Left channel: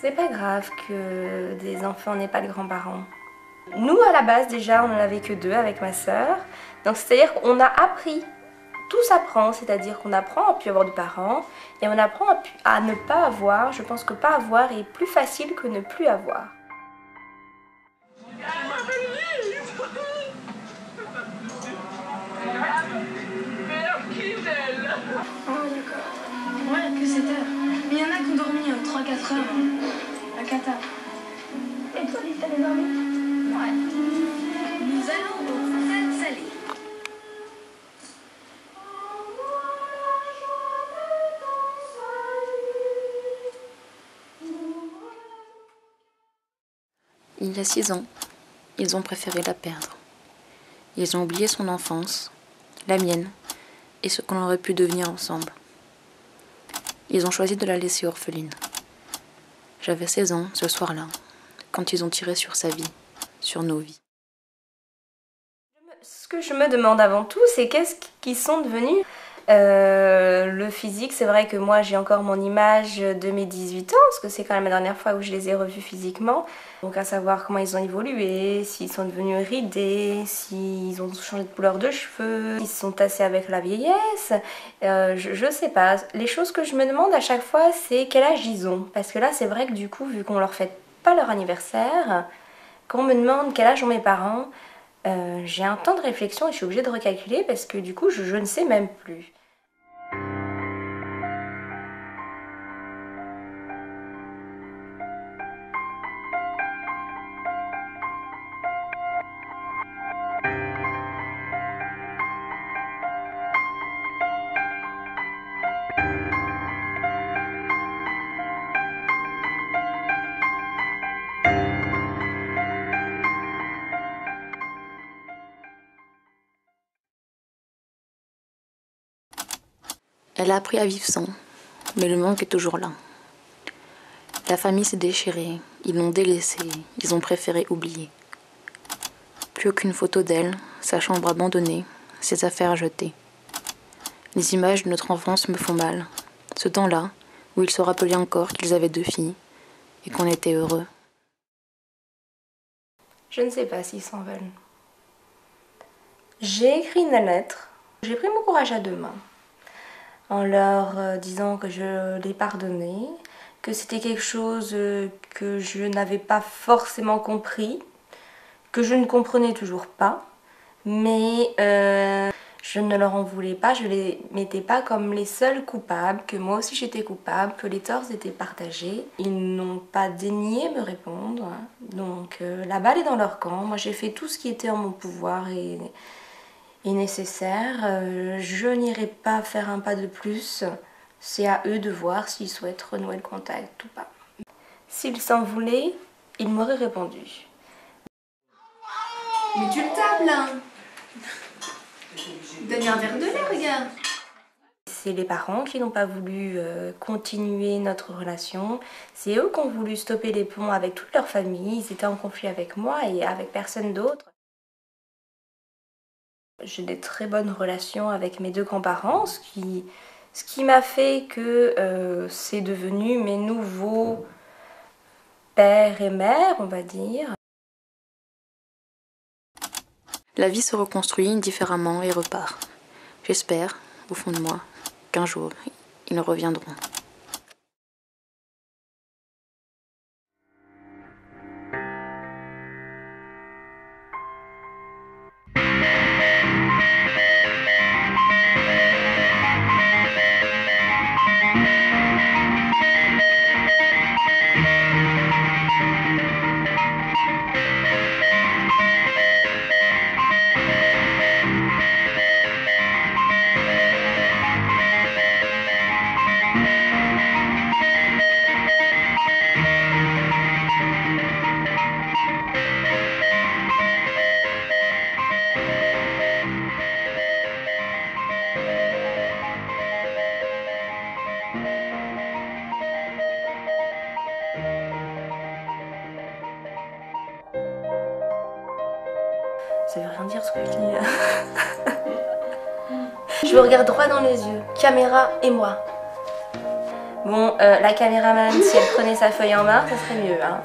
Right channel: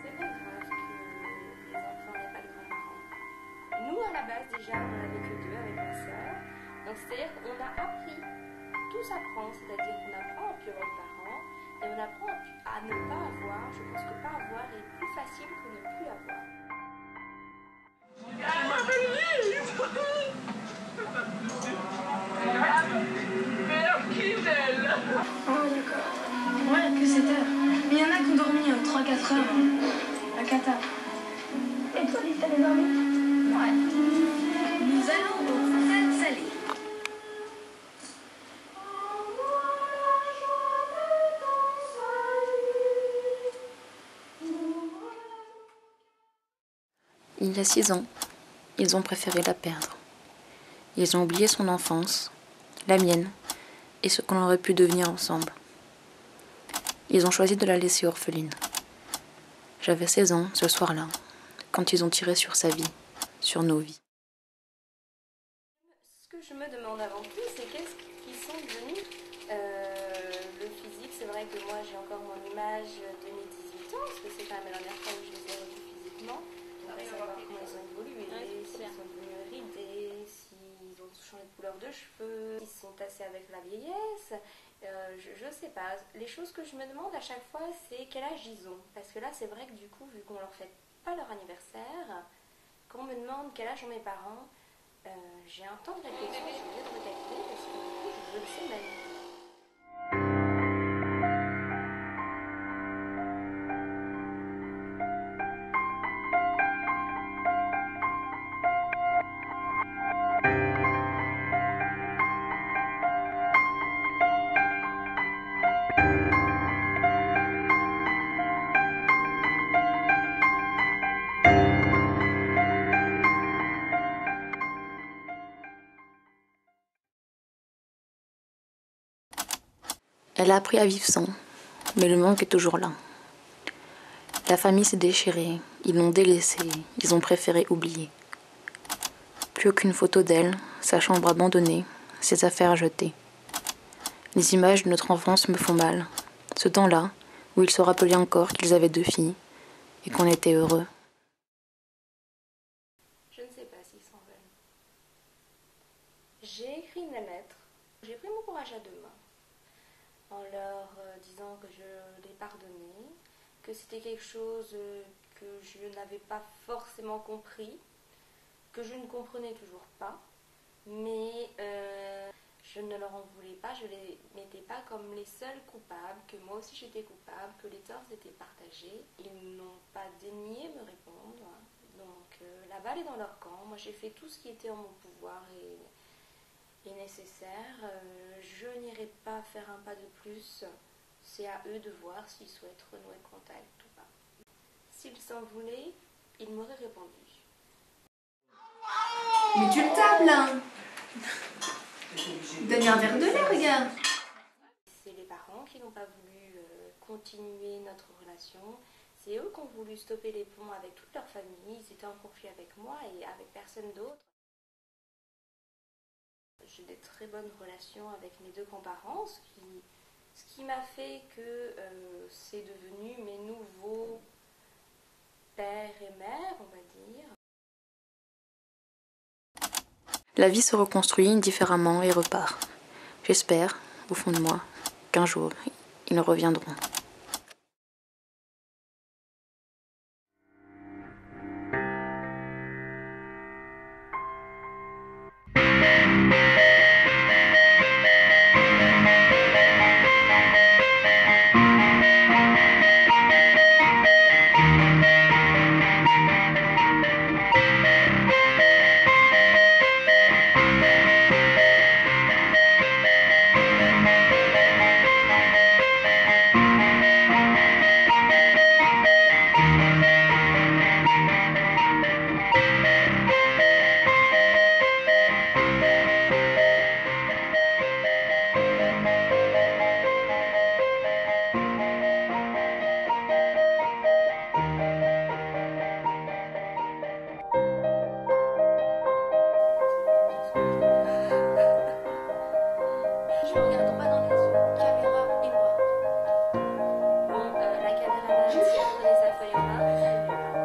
C'est pas grave que des enfants n'aient pas de grands-parents. Nous, à la base, déjà, on n'en avait que 2 avec ma sœur. Donc, c'est-à-dire qu'on a appris. Tout s'apprend, c'est-à-dire qu'on apprend à plus avoir de parents et on apprend à ne pas avoir. Je pense que pas avoir est plus facile que ne plus avoir. Oh d'accord. Ouais, que 7 heures. Mais il y en a qui ont dormi 3-4 heures. À Qatar. Et toi, t'avais dormi? Ouais. Nous allons au Stade Salé. Il y a 6 ans, ils ont préféré la perdre. Ils ont oublié son enfance, la mienne, et ce qu'on aurait pu devenir ensemble. Ils ont choisi de la laisser orpheline. J'avais 16 ans ce soir-là, quand ils ont tiré sur sa vie, sur nos vies. Ce que je me demande avant tout, c'est qu'est-ce qu'ils sont devenus. Le physique, c'est vrai que moi j'ai encore mon image de mes 18 ans, parce que c'est quand même la dernière fois où je les ai revus physiquement. Donc à savoir comment ils ont évolué, s'ils sont devenus ridés, s'ils ont changé de couleur de cheveux, s'ils se sont tassés avec la vieillesse, je sais pas. Les choses que je me demande à chaque fois, c'est quel âge ils ont. Parce que là, c'est vrai que du coup, vu qu'on leur fête pas leur anniversaire, quand on me demande quel âge ont mes parents, j'ai un temps de réflexion et je suis obligée de recalculer parce que du coup, je ne sais même plus. Elle a appris à vivre sans, mais le manque est toujours là. La famille s'est déchirée, ils l'ont délaissée, ils ont préféré oublier. Plus aucune photo d'elle, sa chambre abandonnée, ses affaires jetées. Les images de notre enfance me font mal. Ce temps-là, où ils se rappelaient encore qu'ils avaient 2 filles et qu'on était heureux. Je ne sais pas s'ils s'en veulent. J'ai écrit une lettre. J'ai pris mon courage à 2 mains en leur disant que je les pardonnais, que c'était quelque chose que je n'avais pas forcément compris, que je ne comprenais toujours pas, mais je ne leur en voulais pas, je les mettais pas comme les seuls coupables, que moi aussi j'étais coupable, que les torts étaient partagés. Ils n'ont pas daigné me répondre, donc la balle est dans leur camp. Moi j'ai fait tout ce qui était en mon pouvoir et nécessaire. Je n'irai pas faire un pas de plus, c'est à eux de voir s'ils souhaitent renouer le contact ou pas. S'ils s'en voulaient, ils m'auraient répondu. Mais tu le tapes là. Donne un verre de lait, regarde. C'est les parents qui n'ont pas voulu continuer notre relation. C'est eux qui ont voulu stopper les ponts avec toute leur famille. Ils étaient en conflit avec moi et avec personne d'autre. J'ai des très bonnes relations avec mes 2 grands-parents, ce qui m'a fait que c'est devenu mes nouveaux pères et mères, on va dire. La vie se reconstruit différemment et repart. J'espère, au fond de moi, qu'un jour, ils reviendront. Ça veut rien dire ce que je dis là. Je me regarde droit dans les yeux, caméra et moi. Bon, la caméraman, si elle prenait sa feuille en main, ça serait mieux. Hein.